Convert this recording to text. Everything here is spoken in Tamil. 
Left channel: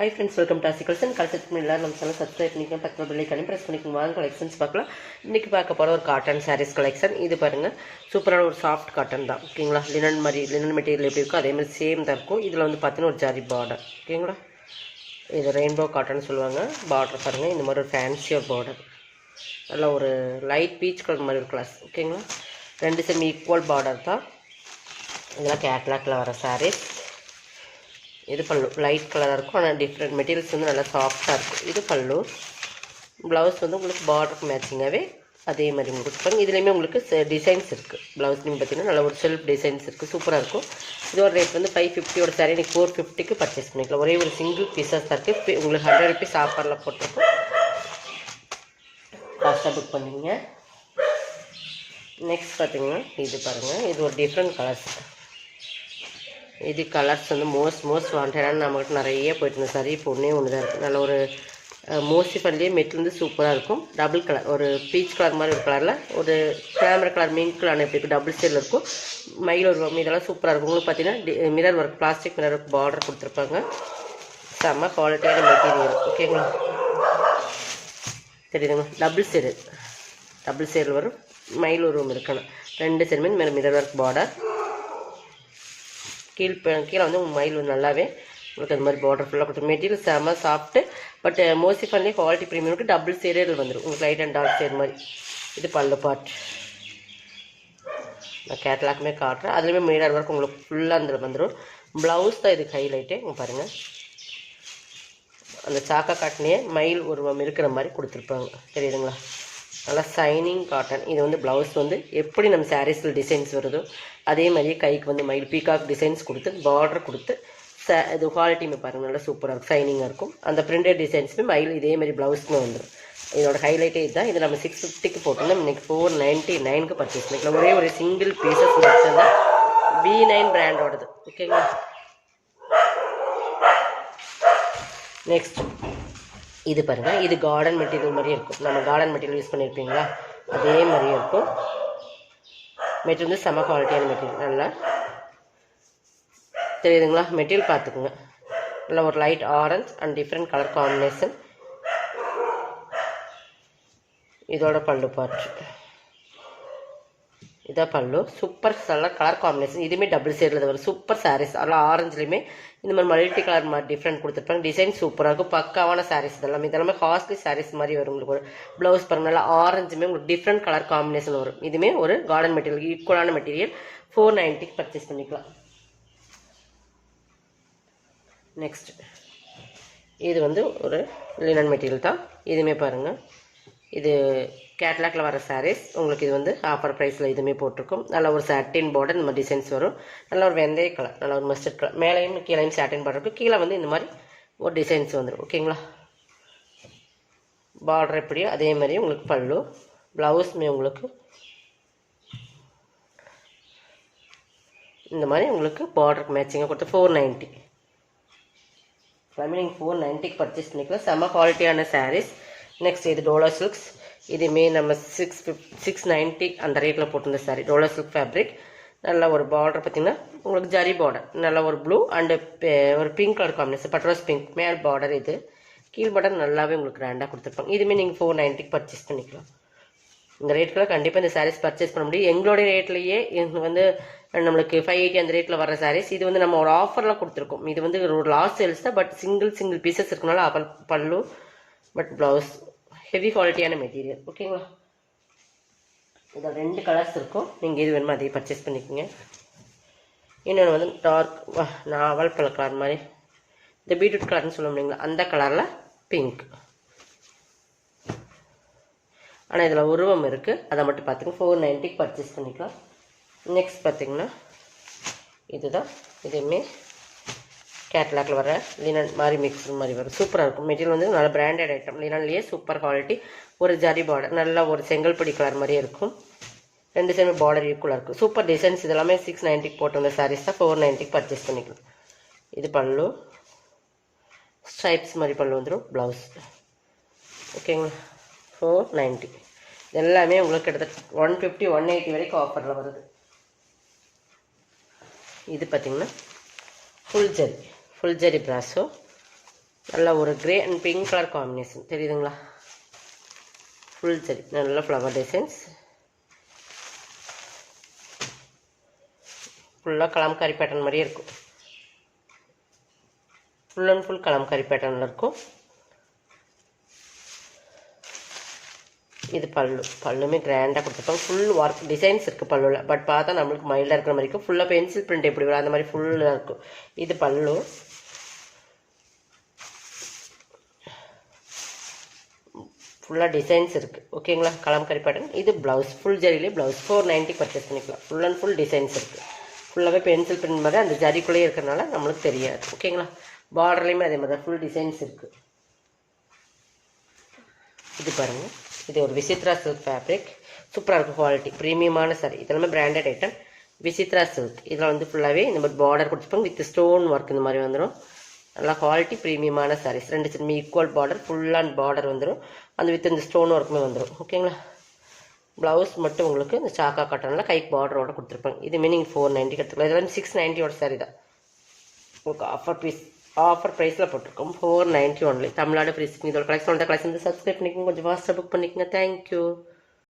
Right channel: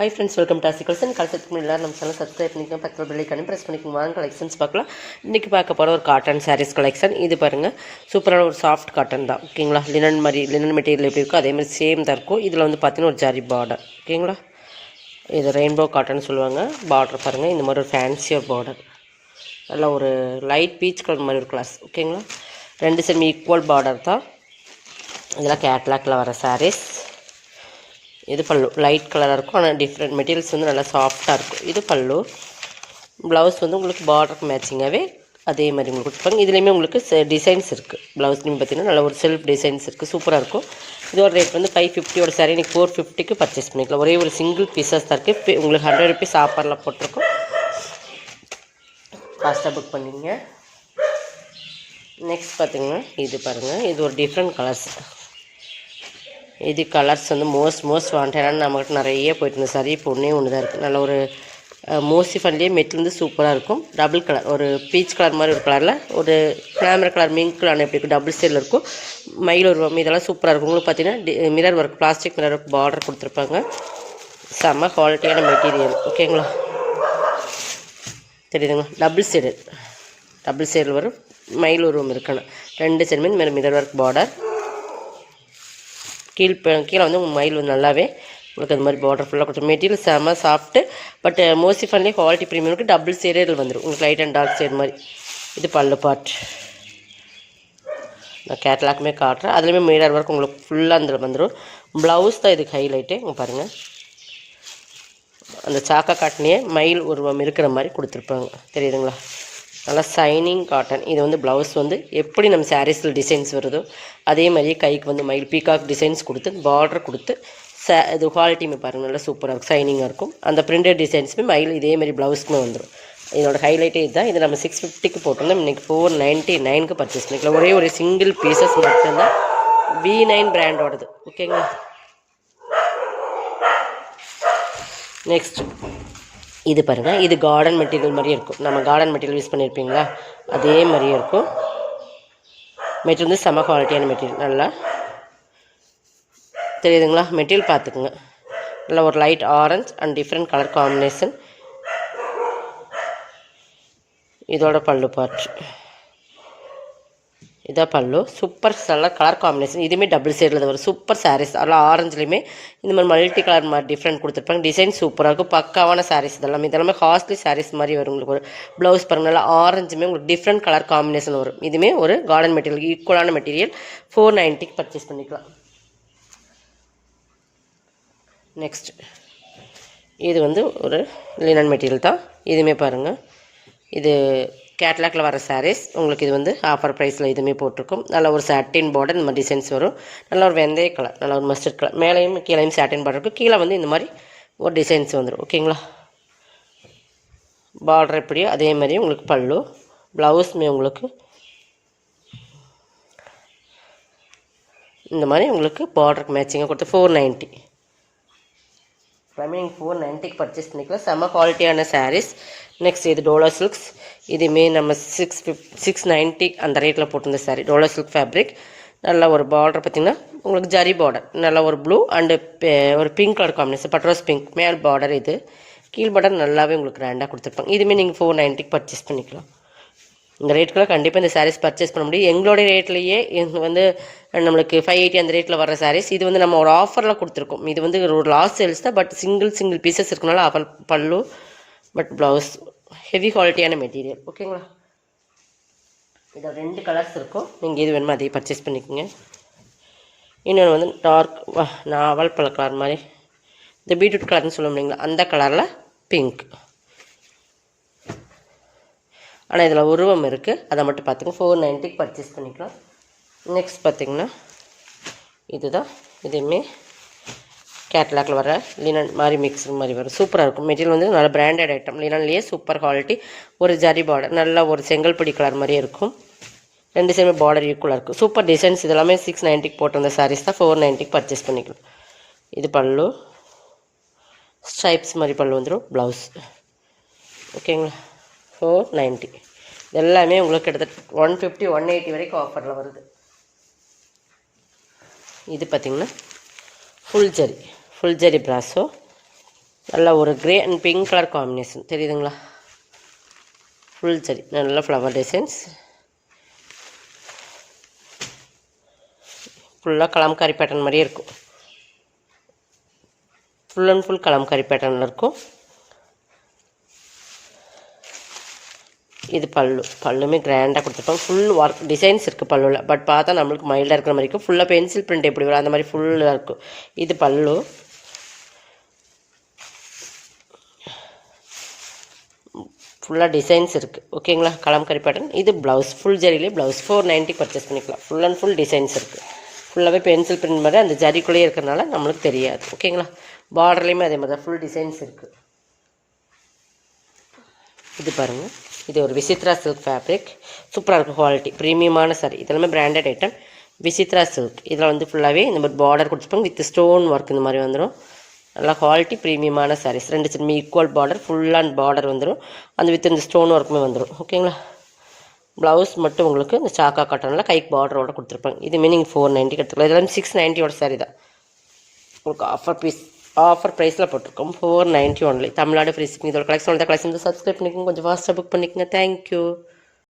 Hi friends, welcome to Asikalson. கலெக்ஷனுக்கு முன்னாடி நம்ம சேனல் சப்ஸ்கிரைப் பண்ணிக்கோங்க, பக்கத்தில் பெல் ஐகானை பிரஸ் பண்ணிக்கோங்க. வாங்க கலெக்ஷன்ஸ் பார்க்கலாம். இன்றைக்கி பார்க்க போகிற ஒரு காட்டன் சாரீஸ் கலெக்ஷன். இது பாருங்கள், சூப்பரான ஒரு சாஃப்ட் காட்டன் தான். ஓகேங்களா, லினன் மெட்டீரியல் எப்படி இருக்கோ அதே மாதிரி சேம் தான் இருக்கும். இதில் வந்து பார்த்தீங்கன்னா ஒரு ஜரி பார்டர். ஓகேங்களா, இது ரெயின்போ காட்டன் சொல்லுவாங்க. பார்டர் பாருங்கள், இந்த மாதிரி ஒரு ஃபேன்சியாக பார்டர், நல்லா ஒரு லைட் பீச் கலர் மாதிரி ஒரு கிளாஸ். ஓகேங்களா, ரெண்டு செமி ஈக்குவல் பார்டர் தான். இதெல்லாம் கேட்லாக்கில் வர சாரீஸ். இது பல்லு லைட் கலராக இருக்கும், ஆனால் டிஃப்ரெண்ட் மெட்டீரியல்ஸ் வந்து நல்லா சாஃப்டாக இருக்கும். இது பல்லு. ப்ளவுஸ் வந்து உங்களுக்கு பார்டருக்கு மேட்சிங்காகவே அதே மாதிரி உங்களுக்கு கொடுத்துருப்பாங்க. இதுலேயுமே உங்களுக்கு டிசைன்ஸ் இருக்குது. ப்ளவுஸ்லையும் பார்த்தீங்கன்னா நல்ல ஒரு செல்ஃப் டிசைன்ஸ் இருக்குது, சூப்பராக இருக்கும். இதோட ரேட் வந்து 550 சாரி இன்றைக்கி 450க்கு பர்ச்சேஸ் பண்ணிக்கலாம். ஒரே ஒரு சிங்கிள் பீஸஸ் தான் இருக்குது. உங்களுக்கு 100 rupees ஆஃபரில் போட்டிருக்கோம். ஃபாஸ்ட்டாக புக் பண்ணிங்க. நெக்ஸ்ட் பார்த்தீங்கன்னா இது பாருங்கள், இது ஒரு டிஃப்ரெண்ட் கலர்ஸ். இது கலர்ஸ் வந்து மோஸ்ட் வாண்டடான நம்மகிட்ட நிறைய போயிட்டு இருந்தது. சரி, இப்போ ஒன்றே ஒன்று தான் இருக்குது. நல்ல ஒரு மோஸ்ட்லி ஃபன்லேயே மெட்டில் வந்து சூப்பராக இருக்கும். டபுள் கலர், ஒரு பீச் கலர் மாதிரி ஒரு கலரில், ஒரு கேமரா கலர் மிங்க் கலர் எப்படி இருக்கும், டபுள் சைடில் இருக்கும். மயில் உருவம் இதெல்லாம் சூப்பராக இருக்கும். உங்களுக்கு பார்த்தீங்கன்னா mirror work, plastic mirror work border கொடுத்துருப்பாங்க. செம்ம குவாலிட்டியான மெட்டீரியல். ஓகேங்களா, தெரியுதுங்க, டபுள் சைடு வரும். மயில் உருவம் இருக்கணும். ரெண்டு சைடுமே மிரர் ஒர்க் பார்டர். கீழே வந்து மயில் வந்து நல்லாவே உங்களுக்கு அந்த மாதிரி பார்டர் ஃபுல்லாக கொடுத்து. மெட்டீரியல் செம்ம சாஃப்ட்டு, பட் மோஸ்ட்லி ஃபன்லேயே குவாலிட்டி ப்ரீமியமுக்கு டபுள் சைடு வந்துடும். உங்களுக்கு லைட் அண்ட் டார்க் சைடு மாதிரி. இது பல்லு பார்ட், நான் கேட்லாக்குமே காட்டுறேன். அதுலேயுமே மிரர் ஒர்க் உங்களுக்கு ஃபுல்லாக அந்த வந்துடும். ப்ளவுஸ் தான் இதுக்கு ஹைலைட்டு. இங்கே பாருங்கள், அந்த சாக்கா காட்டினே மயில் உருவம் இருக்கிற மாதிரி கொடுத்துருப்பாங்க. தெரியுதுங்களா, நல்லா சைனிங் காட்டன். இது வந்து ப்ளவுஸ் வந்து எப்படி நம்ம சாரீஸில் டிசைன்ஸ் வருதோ அதே மாதிரியே கைக்கு வந்து மயில் பீகாக் டிசைன்ஸ் கொடுத்து பார்டர் கொடுத்து இது குவாலிட்டியுமே பாருங்கள் நல்லா சூப்பராக இருக்கும், சைனிங்காக இருக்கும். அந்த பிரிண்டட் டிசைன்ஸுமே மயில் இதே மாதிரி ப்ளவுஸ்க்குமே வந்துடும். இதோட ஹைலைட்டே இதுதான். இது நம்ம 650க்கு போட்டிருந்தோம். இன்றைக்கி 499க்கு பர்ச்சேஸ் பண்ணிக்கலாம். ஒரே ஒரு சிங்கிள் பீசஸ் மட்டும்தான், V9 பிராண்டோடது. ஓகேங்களா, நெக்ஸ்ட் இது பாருங்கள், இது கார்டன் மெட்டீரியல் மாதிரியே இருக்கும். நம்ம கார்டன் மெட்டீரியல் யூஸ் பண்ணியிருப்பீங்களா, அதே மாதிரியே இருக்கும். மெட்டீரியல் வந்து செம குவாலிட்டியான மெட்டீரியல். நல்லா தெரியுதுங்களா, மெட்டீரியல் பார்த்துக்குங்க. நல்லா ஒரு light orange and different colour combination. இதோட பல்லு பார்ட், இதான் பல்லு. சூப்பர் நல்ல கலர் காம்பினேஷன். இதுவுமே டபுள் சைடில் வரும். சூப்பர் சாரீஸ். அதெல்லாம் ஆரஞ்சுலேயுமே இந்த மாதிரி மல்டி கலர் மாதிரி டிஃப்ரெண்ட் கொடுத்துருப்பாங்க. டிசைன் சூப்பராக இருக்கும். பக்காவான சாரீஸ் இதெல்லாமே காஸ்ட்லி சாரீஸ் மாதிரி வரும். உங்களுக்கு ஒரு ப்ளவுஸ் பாருங்கள், நல்லா ஆரஞ்சுமே உங்களுக்கு டிஃப்ரெண்ட் கலர் காம்பினேஷன் வரும். இதுவுமே ஒரு கார்டன் மெட்டீரியல், ஈக்குவலான மெட்டீரியல். 490க்கு பர்ச்சேஸ் பண்ணிக்கலாம். நெக்ஸ்ட் இது வந்து ஒரு லினன் மெட்டீரியல் தான். இதுவுமே பாருங்கள், இது கேட்லாக்கில் வர சாரீஸ். உங்களுக்கு இது வந்து ஆஃபர் ப்ரைஸில் இதுவுமே போட்டிருக்கும். நல்லா ஒரு சாட்டின் பார்டர், இந்த மாதிரி டிசைன்ஸ் வரும். நல்லா ஒரு வெந்தய கலர், நல்லா ஒரு மஸ்டர்ட் கலர். மேலேயும் கீழேயும் சாட்டின் பார்டர் இருக்கும். கீழே வந்து இந்த மாதிரி ஒரு டிசைன்ஸ் வந்துடும். ஓகேங்களா, பார்டர் எப்படியோ அதே மாதிரி உங்களுக்கு பல்லு. ப்ளவுஸுமே உங்களுக்கு இந்த மாதிரி உங்களுக்கு பார்டருக்கு மேட்சிங்காக கொடுத்து 490. நீங்கள் 490க்கு பர்ச்சேஸ் பண்ணிக்கலாம். செம்ம குவாலிட்டியான சாரீஸ். நெக்ஸ்ட் இது டோலா சில்க்ஸ். இதுவுமே நம்ம 690 அந்த ரேட்டில் போட்டிருந்த சாரீ. Dola silk fabric. நல்லா ஒரு பார்டர் பார்த்திங்கன்னா உங்களுக்கு ஜரி பார்டர், நல்லா ஒரு ப்ளூ அண்டு ஒரு பிங்க் கலர் காம்பினேஷன், பட்ரோஸ் பிங்க். மேல் பார்டர், இது கீழ் பார்டர் நல்லாவே உங்களுக்கு கிராண்டாக கொடுத்துருப்பாங்க. இதுவுமே நீங்கள் 490க்கு பர்ச்சேஸ் பண்ணிக்கலாம். இந்த ரேட்டுக்கெல்லாம் கண்டிப்பாக இந்த சாரீஸ் பர்ச்சேஸ் பண்ண முடியும். எங்களுடைய ரேட்லேயே வந்து நம்மளுக்கு 580 அந்த ரேட்டில் வர சாரீஸ். இது வந்து நம்ம ஒரு ஆஃபரில் கொடுத்துருக்கோம். இது வந்து ஒரு லாஸ்ட் சேல்ஸ் தான், பட் சிங்கிள் பீசஸ் இருக்கனால ஆஃபர் பல்லு, பட் ப்ளவுஸ் ஹெவி குவாலிட்டியான மெட்டீரியல். ஓகேங்களா, இதில் 2 கலர்ஸ் இருக்கும். நீங்கள் எது வேணுமோ அதையும் பர்ச்சேஸ் பண்ணிக்கோங்க. இன்னொன்று வந்து டார்க் நாவல் பழ கலர் மாதிரி, இந்த பீட்ரூட் கலர்னு சொல்ல முடியுங்களா, அந்த கலரில் பிங்க். ஆனால் இதில் உருவம் இருக்குது, அதை மட்டும் பார்த்துங்க. 490க்கு பர்ச்சேஸ் பண்ணிக்கலாம். நெக்ஸ்ட் பார்த்திங்கன்னா இதுதான். இதுவுமே கேட்லாக்கில் வர லினன் மாதிரி மிக்ஸ் மாதிரி வரும். சூப்பராக இருக்கும். மெட்டீரியல் வந்து நல்ல பிராண்டட் ஐட்டம். லினன்லேயே சூப்பர் குவாலிட்டி. ஒரு ஜரி பார்டர், நல்ல ஒரு செங்கல்படி கலர் மாதிரியே இருக்கும். ரெண்டு சைடுமே பார்டர் ஈக்குவலாக இருக்கும். Super designs. இதெல்லாமே 690க்கு போட்டு வந்த சாரீஸ் தான். 490க்கு பர்ச்சேஸ் பண்ணிக்கலாம். இது பல்லு, ஸ்ட்ரைப்ஸ் மாதிரி பல்லு வந்துடும். ப்ளவுஸ். ஓகேங்களா, 490. எல்லாமே உங்களுக்கு கிட்டத்தட்ட 150 180 வரைக்கும் ஆஃபரில் வருது. இது பார்த்திங்கன்னா ஃபுல் ஜரி ப்ராஸோ. நல்லா ஒரு grey and pink colour combination தெரியுதுங்களா? ஃபுல் சரி நல்ல ஃப்ளவர் டிசைன்ஸ், ஃபுல்லாக கலம்காரி பேட்டர்ன் மாதிரியே இருக்கும். ஃபுல் அண்ட் ஃபுல் கலம்காரி பேட்டர்னில் இருக்கும். இது பல்லுமே கிராண்டாக கொடுத்துருப்போம். ஃபுல் ஒர்க் டிசைன்ஸ் இருக்குது பல்லுவில். பட் பார்த்தா நம்மளுக்கு மைல்டாக இருக்கிற மாதிரி இருக்கும். ஃபுல்லாக பென்சில் பிரிண்ட் எப்படி வரும் அந்த மாதிரி ஃபுல்லாக இருக்கும். இது பல்லு. ஃபுல்லாக டிசைன்ஸ் இருக்குது. ஓகேங்களா? கலம்காரி பேட்டர்ன். இது ப்ளவுஸ், ஃபுல் ஜரியிலே ப்ளவுஸ் 490 பர்ச்சேஸ் பண்ணிக்கலாம். ஃபுல் அண்ட் ஃபுல் டிசைன்ஸ் இருக்குது. ஃபுல்லாகவே பென்சில் பிரிண்ட் மாதிரி அந்த ஜரிக்குள்ளேயே இருக்கிறனால நம்மளுக்கு தெரியாது. ஓகேங்களா? பார்டர்லேயுமே அதே மாதிரி தான் ஃபுல் டிசைன்ஸ் இருக்குது. இது பாருங்கள், இது ஒரு விசித்ரா சில்க் ஃபேப்ரிக். சூப்பராக இருக்கும் குவாலிட்டி, ப்ரீமியமான சாரி. இதெல்லாமே பிராண்டட் ஐட்டம். விசித்ரா சில்க். இதில் வந்து ஃபுல்லாகவே இந்த மாதிரி பார்டர் கொடுத்துருப்பாங்க வித் ஸ்டோன் ஒர்க் இந்த மாதிரி வந்துடும். நல்லா குவாலிட்டி ப்ரீமியமான சாரீஸ். 2 சைடுமே equal border, full and border வந்துடும். அந்த வித் இந்த ஸ்டோன் ஒர்க்குமே வந்துடும். ஓகேங்களா? ப்ளவுஸ் மட்டும் உங்களுக்கு இந்த சாக்கா காட்டனில் கைக்கு பார்டரோட கொடுத்துருப்பாங்க. இதுமே நீங்கள் 490 எடுத்துக்கலாம். இதெல்லாம் 690 சாரி தான். உங்களுக்கு ஆஃபர் ப்ரைஸில் போட்டிருக்கோம். 490 ஒன்லி. Tamil Nadu free shipping. இதோட கலெக்ஷன் சப்ஸ்கிரைப் பண்ணிக்கோங்க. கொஞ்சம் ஃபாஸ்ட்டாக புக் பண்ணிக்கோங்க. தேங்க்யூ.